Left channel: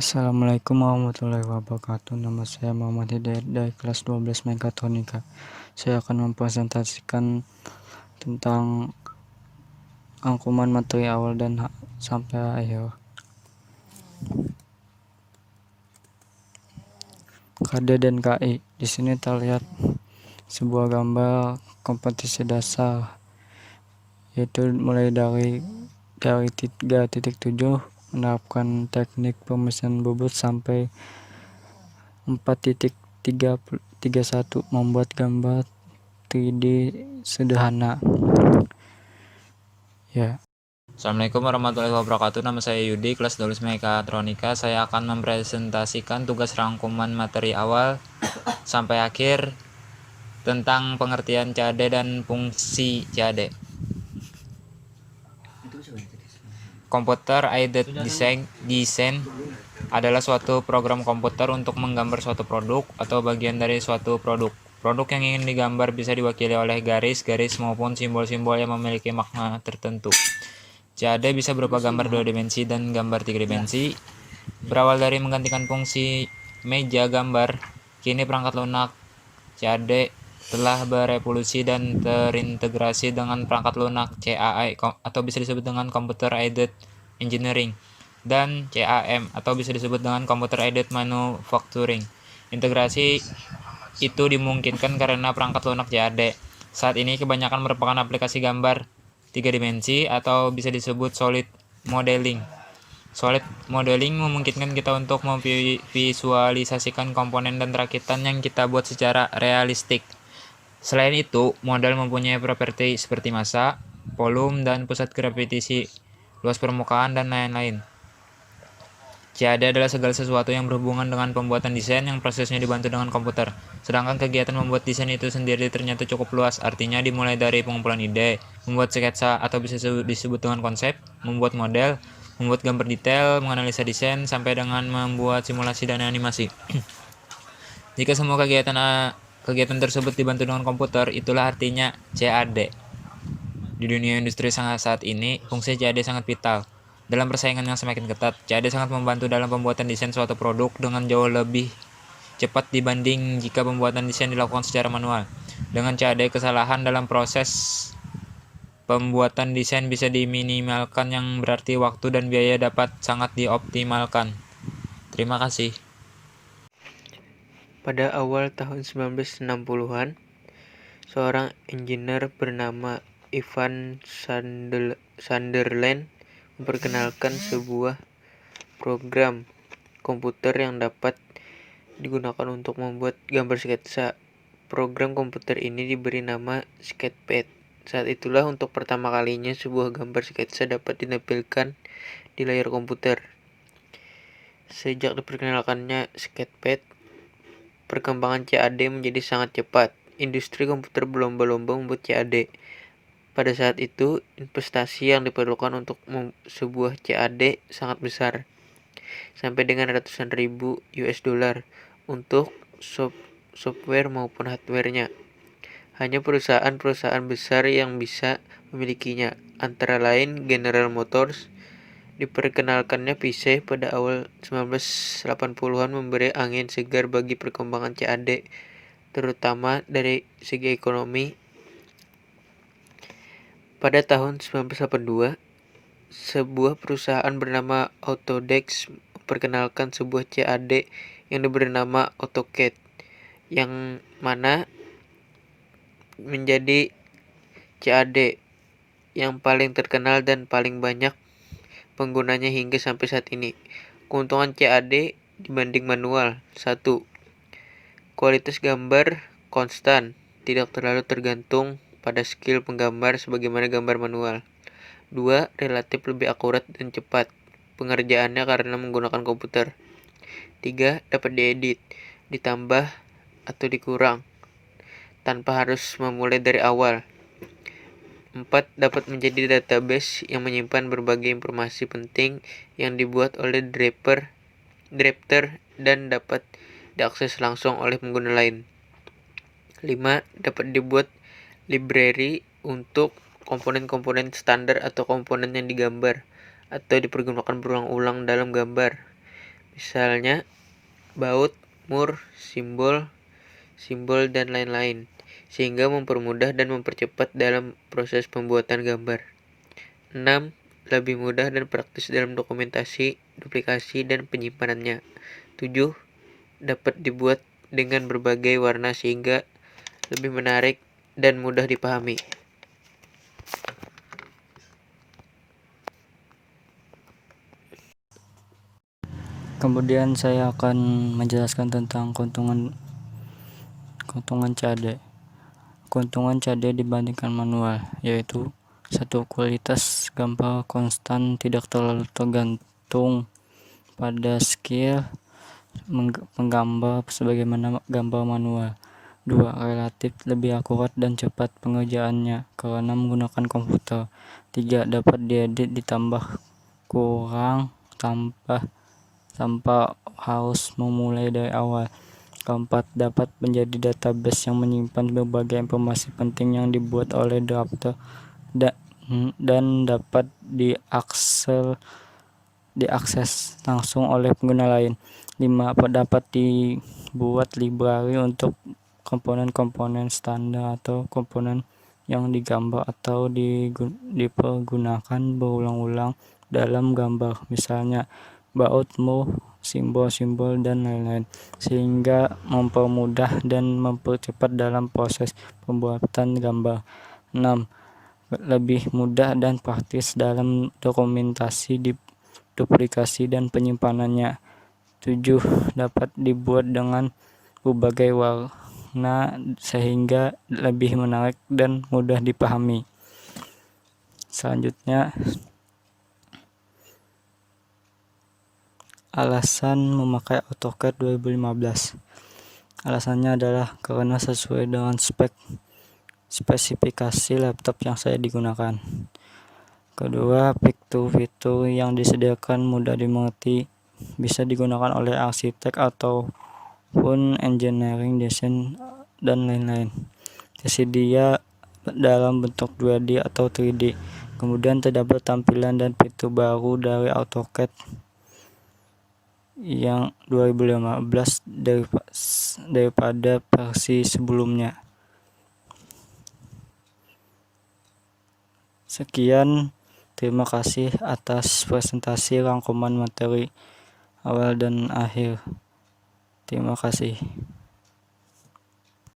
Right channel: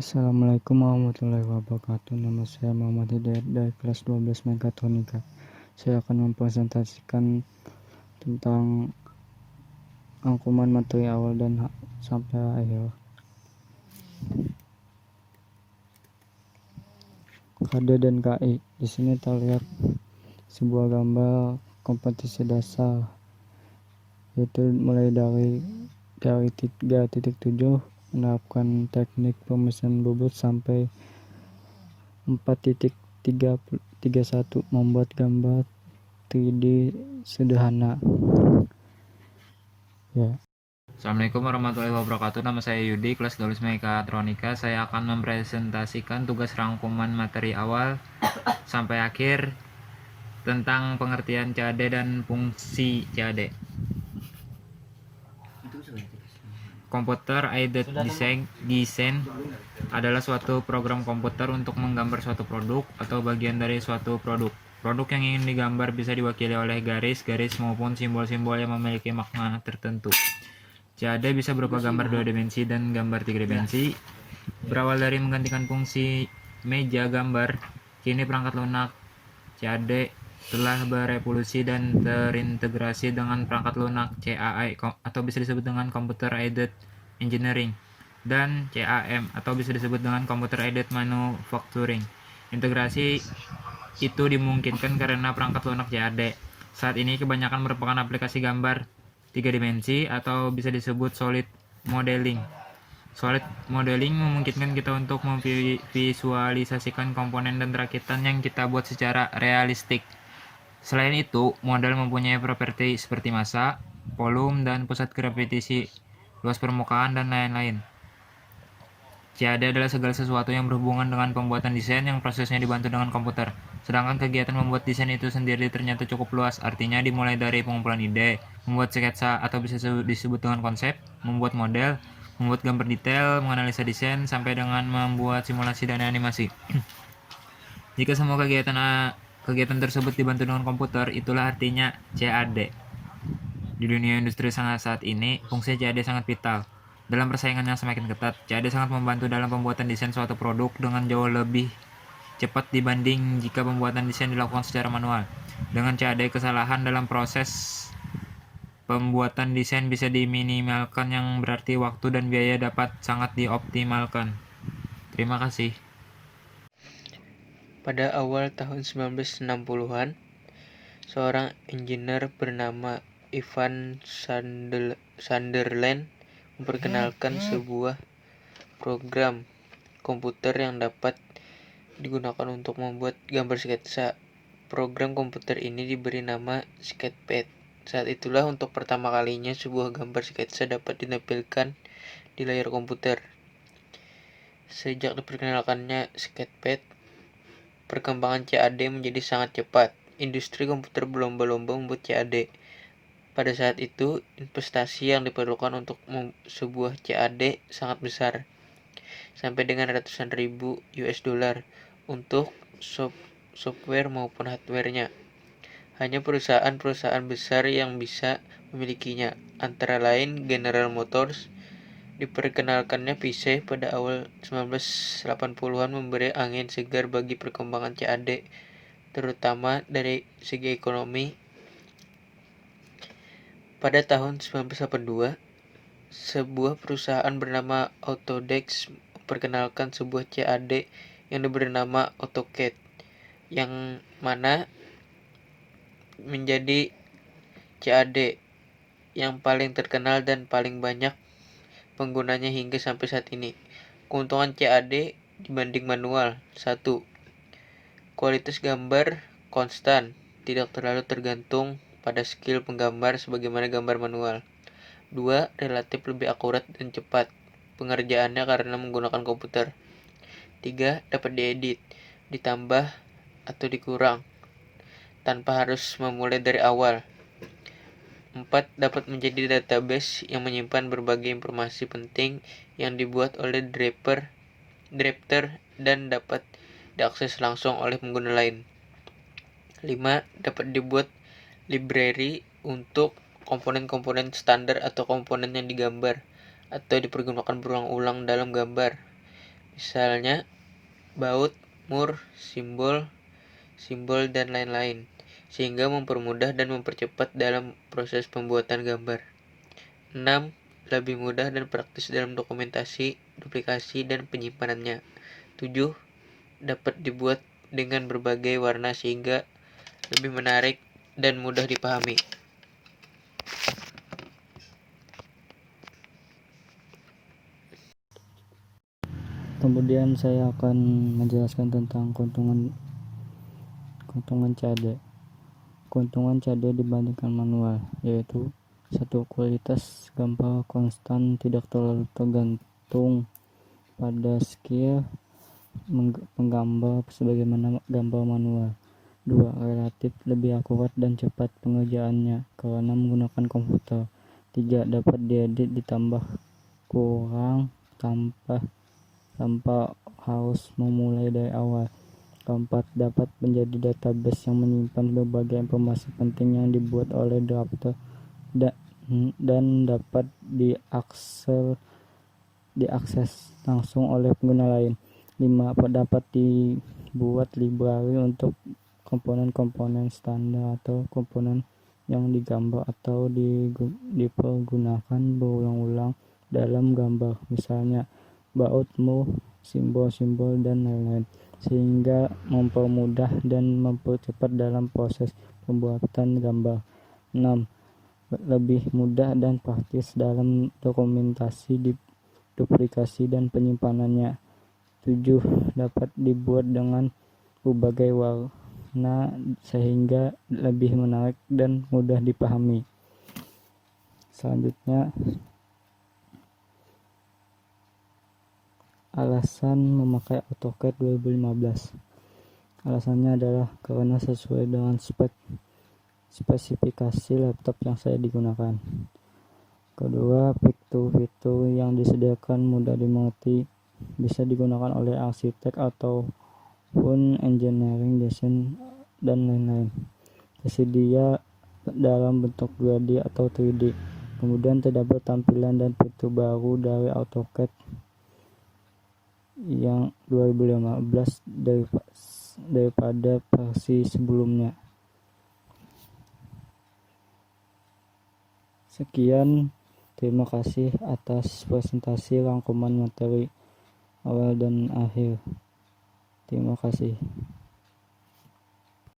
Assalamualaikum warahmatullahi wabarakatuh. Nama saya Muhammad Hidayat dari kelas 12 Mekatronika. Saya akan mempresentasikan tentang rangkuman materi awal dan sampai akhir. KD dan KI. Di sini terlihat sebuah gambar kompetisi dasar, yaitu mulai dari 3.7 menerapkan teknik pemesiran bobot sampai 4.31 membuat gambar 3D sederhana. Ya. Assalamualaikum warahmatullahi wabarakatuh. Nama saya Yudi, kelas 12 Mekatronika. Saya akan mempresentasikan tugas rangkuman materi awal sampai akhir tentang pengertian CAD dan fungsi CAD. Computer Aided Design adalah suatu program komputer untuk menggambar suatu produk atau bagian dari suatu produk. Produk yang ingin digambar bisa diwakili oleh garis-garis maupun simbol-simbol yang memiliki makna tertentu. CAD bisa berupa gambar 2 dimensi dan gambar 3 dimensi. Berawal dari menggantikan fungsi meja gambar, kini perangkat lunak CAD telah berevolusi dan terintegrasi dengan perangkat lunak CAE atau bisa disebut dengan Computer Aided Engineering dan CAM atau bisa disebut dengan Computer Aided Manufacturing. Integrasi itu dimungkinkan karena perangkat lunak CAD saat ini kebanyakan merupakan aplikasi gambar 3 dimensi atau bisa disebut solid modeling. Solid modeling memungkinkan kita untuk memvisualisasikan komponen dan rakitan yang kita buat secara realistik. Selain itu, model mempunyai properti seperti massa, volume, dan pusat gravitasi, luas permukaan, dan lain-lain. CAD adalah segala sesuatu yang berhubungan dengan pembuatan desain yang prosesnya dibantu dengan komputer. Sedangkan kegiatan membuat desain itu sendiri ternyata cukup luas, artinya dimulai dari pengumpulan ide, membuat sketsa atau bisa disebut dengan konsep, membuat model, membuat gambar detail, menganalisa desain, sampai dengan membuat simulasi dan animasi. Jika semua kegiatan tersebut dibantu dengan komputer, itulah artinya CAD. Di dunia industri saat ini, fungsi CAD sangat vital. Dalam persaingan yang semakin ketat, CAD sangat membantu dalam pembuatan desain suatu produk dengan jauh lebih cepat dibanding jika pembuatan desain dilakukan secara manual. Dengan CAD, kesalahan dalam proses pembuatan desain bisa diminimalkan, yang berarti waktu dan biaya dapat sangat dioptimalkan. Terima kasih. Pada awal tahun 1960-an, seorang engineer bernama Ivan Sunderland memperkenalkan sebuah program komputer yang dapat digunakan untuk membuat gambar sketsa. Program komputer ini diberi nama Sketchpad. Saat itulah untuk pertama kalinya sebuah gambar sketsa dapat ditampilkan di layar komputer. Sejak diperkenalkannya Sketchpad, perkembangan CAD menjadi sangat cepat. Industri komputer berlomba-lomba membuat CAD. Pada saat itu, investasi yang diperlukan untuk sebuah CAD sangat besar, sampai dengan ratusan ribu US$ untuk software maupun hardware-nya. Hanya perusahaan-perusahaan besar yang bisa memilikinya, antara lain General Motors. Diperkenalkannya PC pada awal 1980-an memberi angin segar bagi perkembangan CAD, terutama dari segi ekonomi. Pada tahun 1982, sebuah perusahaan bernama Autodesk memperkenalkan sebuah CAD yang diberi nama AutoCAD, yang mana menjadi CAD yang paling terkenal dan paling banyak penggunanya hingga sampai saat ini. Keuntungan CAD dibanding manual: 1. Kualitas gambar konstan, tidak terlalu tergantung pada skill penggambar sebagaimana gambar manual. 2. Relatif lebih akurat dan cepat pengerjaannya karena menggunakan komputer. 3. Dapat diedit, ditambah atau dikurang tanpa harus memulai dari awal. 4. Dapat menjadi database yang menyimpan berbagai informasi penting yang dibuat oleh drafter dan dapat diakses langsung oleh pengguna lain. 5. Dapat dibuat library untuk komponen-komponen standar atau komponen yang digambar atau dipergunakan berulang-ulang dalam gambar. misalnya baut, mur, simbol, dan lain-lain, sehingga mempermudah dan mempercepat dalam proses pembuatan gambar. 6. Lebih mudah dan praktis dalam dokumentasi, duplikasi, dan penyimpanannya. 7. Dapat dibuat dengan berbagai warna sehingga lebih menarik dan mudah dipahami. Kemudian saya akan menjelaskan tentang keuntungan CAD. Keuntungan CAD dibandingkan manual yaitu satu, kualitas gambar konstan, tidak terlalu tergantung pada skill penggambar sebagaimana gambar manual. 2. Relatif lebih akurat dan cepat pengerjaannya karena menggunakan komputer. 3. Dapat diedit ditambah kurang tanpa harus memulai dari awal. 4. Dapat menjadi database yang menyimpan berbagai informasi penting yang dibuat oleh drafter dan dapat diakses langsung oleh pengguna lain. 5. Dapat dibuat library untuk komponen-komponen standar atau komponen yang digambar atau dipergunakan berulang-ulang dalam gambar, misalnya baut, mur, simbol-simbol, dan lain-lain, sehingga mempermudah dan mempercepat dalam proses pembuatan gambar. 6. Lebih mudah dan praktis dalam dokumentasi, duplikasi, dan penyimpanannya. 7. Dapat dibuat dengan berbagai warna sehingga lebih menarik dan mudah dipahami. Selanjutnya, alasan memakai AutoCAD 2015. Alasannya adalah karena sesuai dengan spesifikasi laptop yang saya digunakan. Kedua, fitur-fitur yang disediakan mudah dimengerti, bisa digunakan oleh arsitek ataupun engineering, desain, dan lain-lain. Tersedia dalam bentuk 2D atau 3D. Kemudian terdapat tampilan dan fitur baru dari AutoCAD yang 2015 daripada versi sebelumnya. Sekian, terima kasih atas presentasi rangkuman materi awal dan akhir. Terima kasih.